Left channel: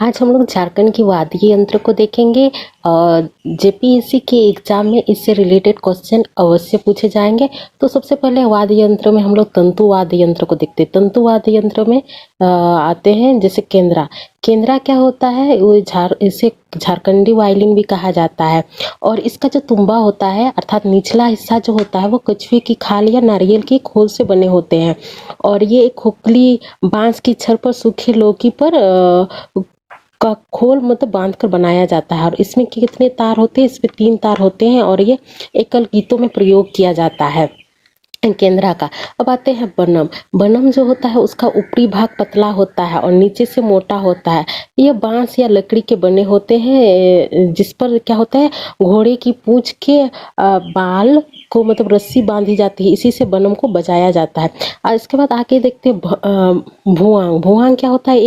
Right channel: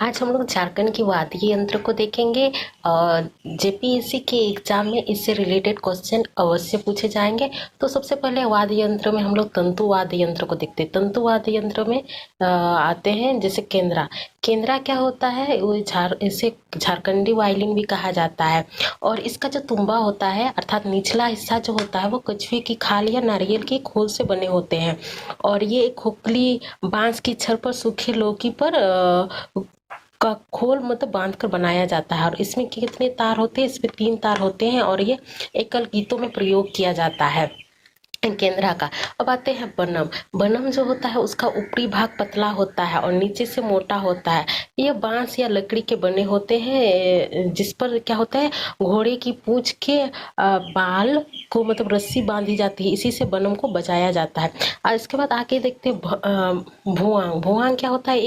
आज हम लोग झारखंड की वाद्य यंत्र को देखेंगे। जेपीएससी के एग्जाम में इससे रिलेटेड क्वेश्चन अवश्य पूछे जाएंगे। तो सबसे पहले वाद्य यंत्र में हम लोग तंतु वाद्य यंत्र को देखते हैं। तंतु वाद्य यंत्र में आते हैं जैसे केंद्रा। केंद्रा क्या होता है, वो इसे झारखंडी वायलिन भी कहा जाता है। और इसका जो तुम्बा होता है अर्थात निचला हिस्सा जो होता है वो कछुए की खाल या नारियल की खोल से बने होते हैं। और ये एक खोखली बांस की छड़ पर सूखी लौकी पर का खोल मतलब बांध कर बनाया जाता है। और इसमें कितने तार होते हैं, इसमें 3 तार होते हैं और ये एकल गीतों में प्रयोग किया जाता है केंद्रा का। अब आते हैं बनम। बनम जो होता है उसका ऊपरी भाग पतला होता है और नीचे से मोटा होता है। ये बांस या लकड़ी के बने होते हैं जिस पर क्या होता है, घोड़े की पूंछ के बाल को मतलब रस्सी बांधी जाती है, इसी से बनम को बजाया जाता है। और इसके बाद आके देखते हैं भुआंग। भुआंग क्या होता है,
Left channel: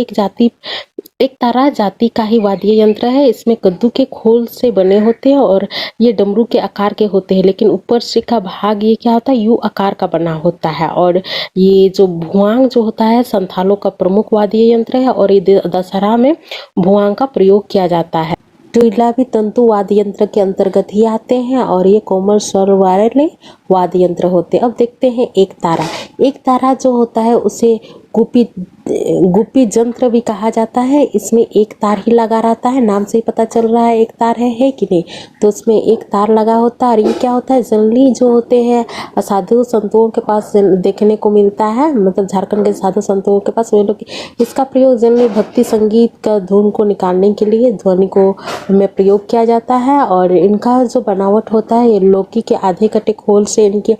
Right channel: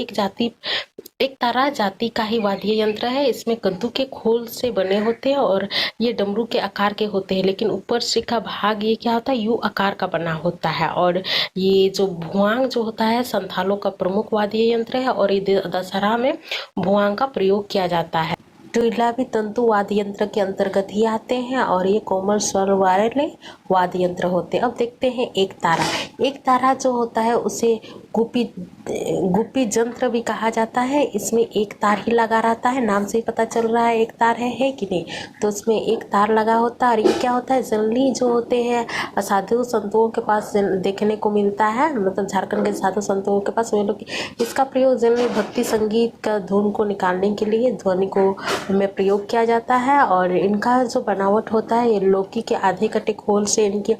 एक तारा जाति का ही वाद्य यंत्र है। इसमें कद्दू के खोल से बने होते हैं और ये डमरू के आकार के होते हैं, लेकिन ऊपर से का भाग ये क्या होता है, यू आकार का बना होता है। और ये जो भुआंग जो होता है संथालों का प्रमुख वाद्य यंत्र है और ये दशहरा में भुआंग का प्रयोग किया जाता है। ट्विला भी तंतु वाद्य यंत्र के अंतर्गत ही आते हैं और ये कोमल स्वर वाले वाद्य यंत्र होते हैं। अब देखते हैं एक तारा। एक तारा जो होता है उसे गुपी यंत्र भी कहा जाता है। इसमें एक तार ही लगा रहता है, नाम से ही पता चल रहा है एक तार है कि नहीं। तो इसमें एक तार लगा होता है और ये क्या होता है, जनरली जो होते हैं साधु संतों के पास देखने को मिलता है, मतलब झारखंड के साधु संतों के पास वे लोग इसका प्रयोग जनरली भक्ति संगीत का धुन को निकालने के लिए ध्वनि को में प्रयोग किया जाता है। और इनका जो बनावट होता है ये लौकी के आधे कटे खोल से इनके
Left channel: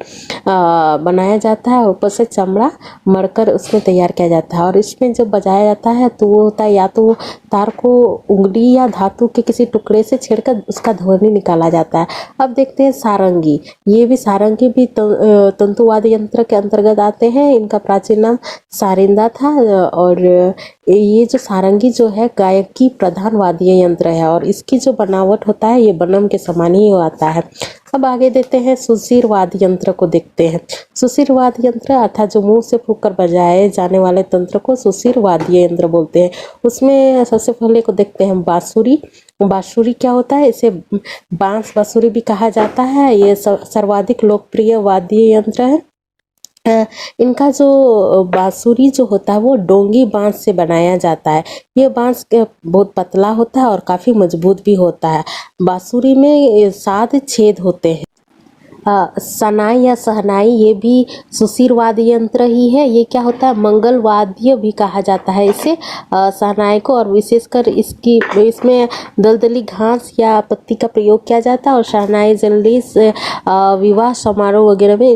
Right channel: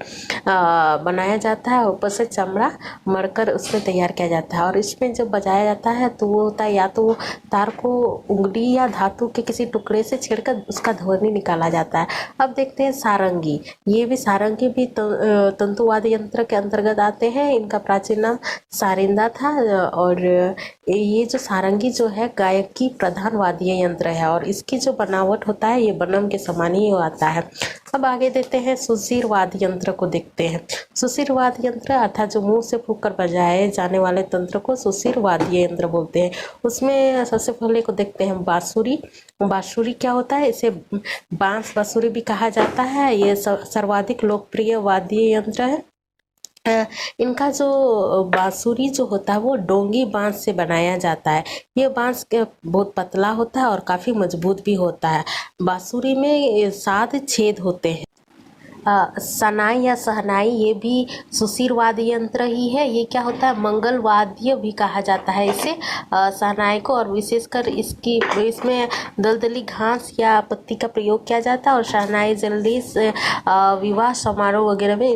बनाया जाता है। ऊपर से चमड़ा मरकर उसमें तैयार किया जाता है और इसमें जब बजाया जाता है तो वो होता है या तो तार को उंगली या धातु के किसी टुकड़े से छेड़कर उसका ध्वनि निकाला जाता है। अब देखते हैं सारंगी। ये भी सारंगी भी तंतुवाद्य यंत्र के अंतर्गत आते हैं। इनका प्राचीन नाम सारिंदा था और ये जो सारंगी जो है गायकी प्रधान वाद्य यंत्र है और इसकी जो बनावट होता है ये बनम के समान ही आता है। अब आगे देखते हैं सुशिर वाद्य यंत्र को देखते हैं। सुशिर वाद्य यंत्र अर्थात जो मुंह से फूंक कर बजाए जाने वाले तंत्र को सुशिर वाद्य यंत्र बोलते हैं। उसमें सबसे पहले को देखते हैं बांसुरी। बांसुरी क्या होता है, इसे बांस बांसुरी भी कहा जाता है। ये सर्वाधिक लोकप्रिय वाद्य यंत्र है। इनका जो बांसुरी जो होता है वो डोंगी बांस से बनाया जाता है। ये बांस बहुत पतला होता है और काफी मजबूत भी होता है। बांसुरी में 7 छेद होते हैं। सनाई या सहनाई ये भी सुशिर वाद्य यंत्र ही है। ये क्या होता है, मंगल वाद्य भी कहा जाता है इसे सहनाई को। और विशेषकर इसमें दलदली घास या पत्ती का प्रयोग किया जाता है। और शहनाई जनरली विवाह समारोह वगैरह में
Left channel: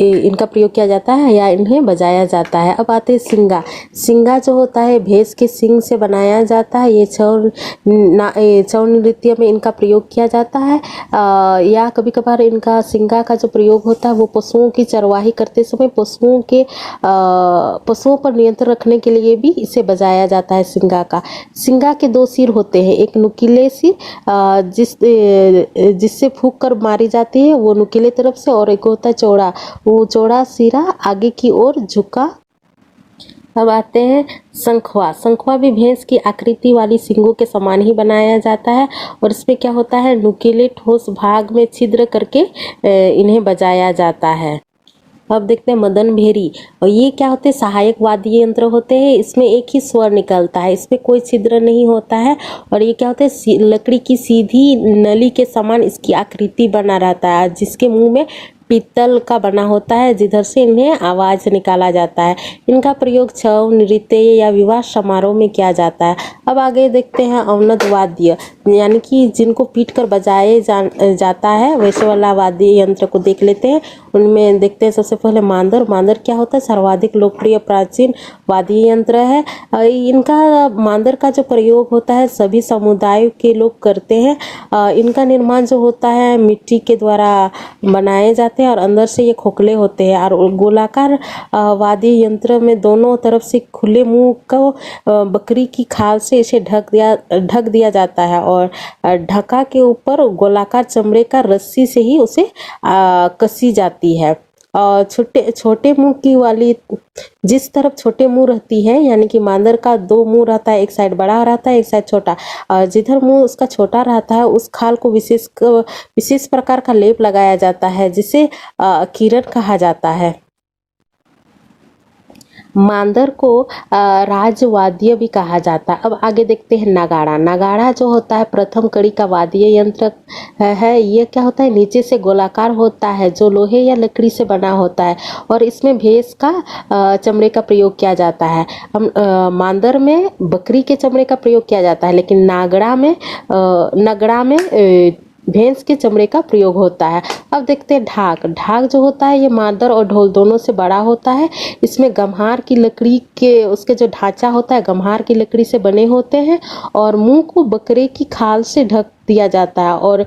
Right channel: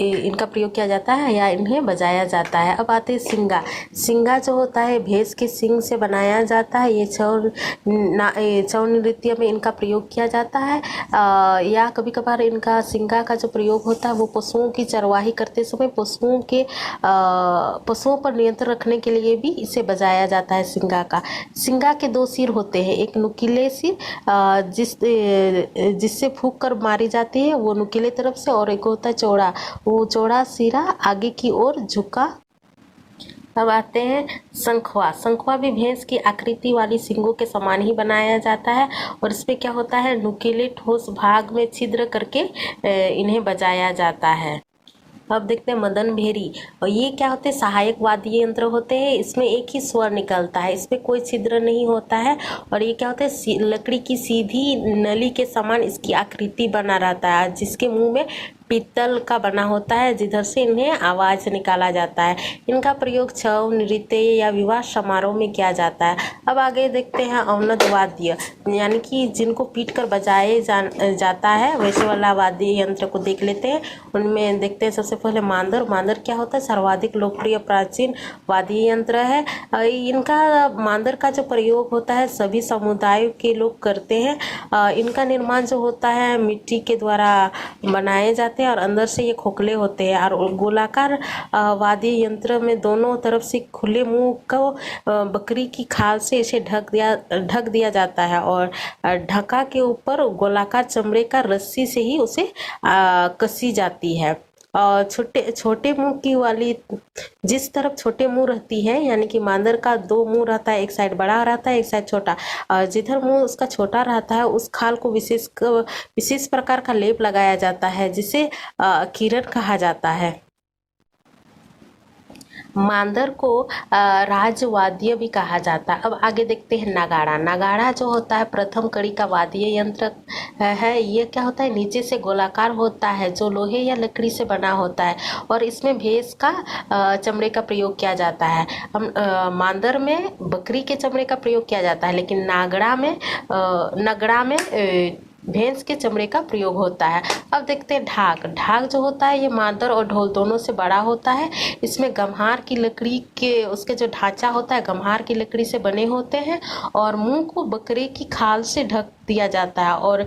इनका प्रयोग किया जाता है या इन्हें बजाया जाता है। अब आते हैं सिंगा। सिंगा जो होता है भैंस के सिंग से बनाया जाता है। ये छौ नृत्य में इनका प्रयोग किया जाता है या कभी कभार इनका सिंगा का जो प्रयोग होता है वो पशुओं की चरवाही करते समय पशुओं पर नियंत्रण रखने के लिए भी इसे बजाया जाता है। सिंगा का सिंगा के 2 सिर होते हैं, एक नुकीले सिर जिससे फूंक कर मारी जाती है वो नुकीले तरफ से, और एक होता है चौड़ा, वो चौड़ा सिरा आगे की ओर झुका। अब आते हैं शंखवा। शंखवा भी भैंस की आकृति वाली सींगों के समान ही बनाया जाता है और इसमें क्या होता है, नुकीले ठोस भाग में छिद्र करके इन्हें बजाया जाता है। अब देखते हैं मदन भेरी। और ये क्या होते हैं, सहायक वाद्य यंत्र होते हैं। इसमें एक ही स्वर निकलता है, इसमें कोई छिद्र नहीं होता है। और ये क्या होता है, लकड़ी की सीधी नली के समान इसकी आकृति बना रहता है जिसके मुंह में पीतल का बना होता है जिधर से इन्हें आवाज निकाला जाता है। इनका प्रयोग छौ नृत्य या विवाह समारोह में किया जाता है। अब आगे देखते हैं अवनद वाद्य, यानी कि जिनको पीट कर बजाए जाता है वैसे वाला वाद्य यंत्र को देख लेते हैं। उनमें देखते हैं सबसे पहले मांदर। मांदर क्या होता है, सर्वाधिक लोकप्रिय प्राचीन वाद्य यंत्र है। इनका मांदर का जो प्रयोग होता है सभी समुदायों के लोग करते हैं। इनका निर्माण जो होता है मिट्टी के द्वारा बनाए जाते हैं और अंदर से ये खोखले होते हैं। और गोलाकार वाद्य यंत्र में दोनों तरफ से खुले मुंह को बकरी की खाल से इसे ढक दिया जाता है और ढका के ऊपर गोलाकार चमड़े का रस्सी से ही उसे कसी जाती है। छोटे छोटे मुंह की वाली, जिस तरफ छोटे मुंह रहती है, यानी कि मांदर का दो मुंह रहता है, एक साइड बड़ा रहता है, एक साइड छोटा। जिधर मुंह उसका छोटा रहता है उस खाल को विशेष प्रकार का लेप लगाया जाता है, जिसे किरण कहा जाता है। मांदर को राजवाद्य भी कहा जाता है। अब आगे देखते हैं नगाड़ा। नगाड़ा जो होता है प्रथम कड़ी का वाद्य यंत्र है। ये क्या होता है, नीचे से गोलाकार होता है, जो लोहे या लकड़ी से बना होता है, और इसमें भैंस का चमड़े का प्रयोग किया जाता है। हम मांदर में बकरी के चमड़े का प्रयोग किया जाता है, लेकिन नगड़ा में भैंस के चमड़े का प्रयोग होता है। अब देखते हैं ढाक। ढाक जो होता है ये मांदर और ढोल दोनों से बड़ा होता है। इसमें गम्हार की लकड़ी के, उसके जो ढांचा होता है गम्हार की लकड़ी से बने होते हैं, और मुंह को बकरे की खाल से ढक दिया जाता है, और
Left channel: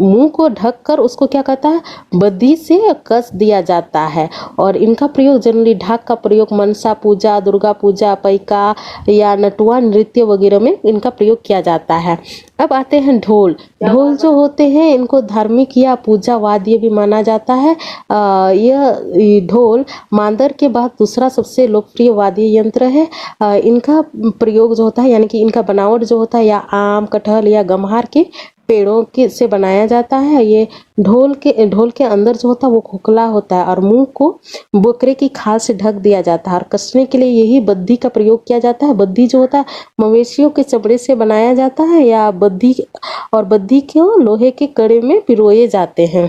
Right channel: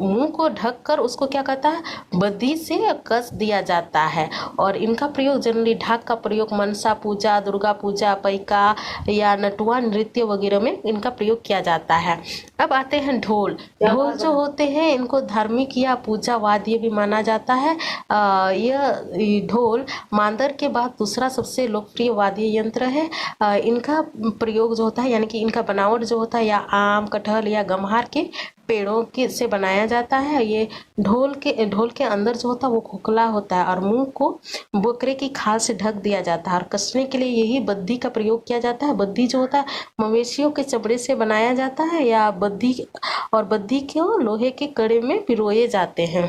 मुंह को ढक कर उसको क्या कहता है, बद्धी से कस दिया जाता है। और इनका प्रयोग जनरली, ढाक का प्रयोग मनसा पूजा, दुर्गा पूजा, पैका या नटुआ नृत्य वगैरह में इनका प्रयोग किया जाता है। अब आते हैं ढोल। ढोल जो होते हैं इनको धार्मिक या पूजा वाद्य भी माना जाता है। यह ढोल मांदर के बाद दूसरा सबसे लोकप्रिय वाद्य यंत्र है। इनका प्रयोग जो होता है, यानी कि इनका बनावट जो होता है, या आम, कटहल या गम्हार के पेड़ों के से बनाया जाता है। ये ढोल के अंदर जो होता है वो खोखला होता है, और मुंह को बकरे की खाल से ढक दिया जाता है, और कसने के लिए यही बद्धी का प्रयोग किया जाता है। बद्धी जो होता है मवेशियों के चमड़े से बनाया जाता है, या बद्धी को लोहे के कड़े में पिरोए जाते हैं।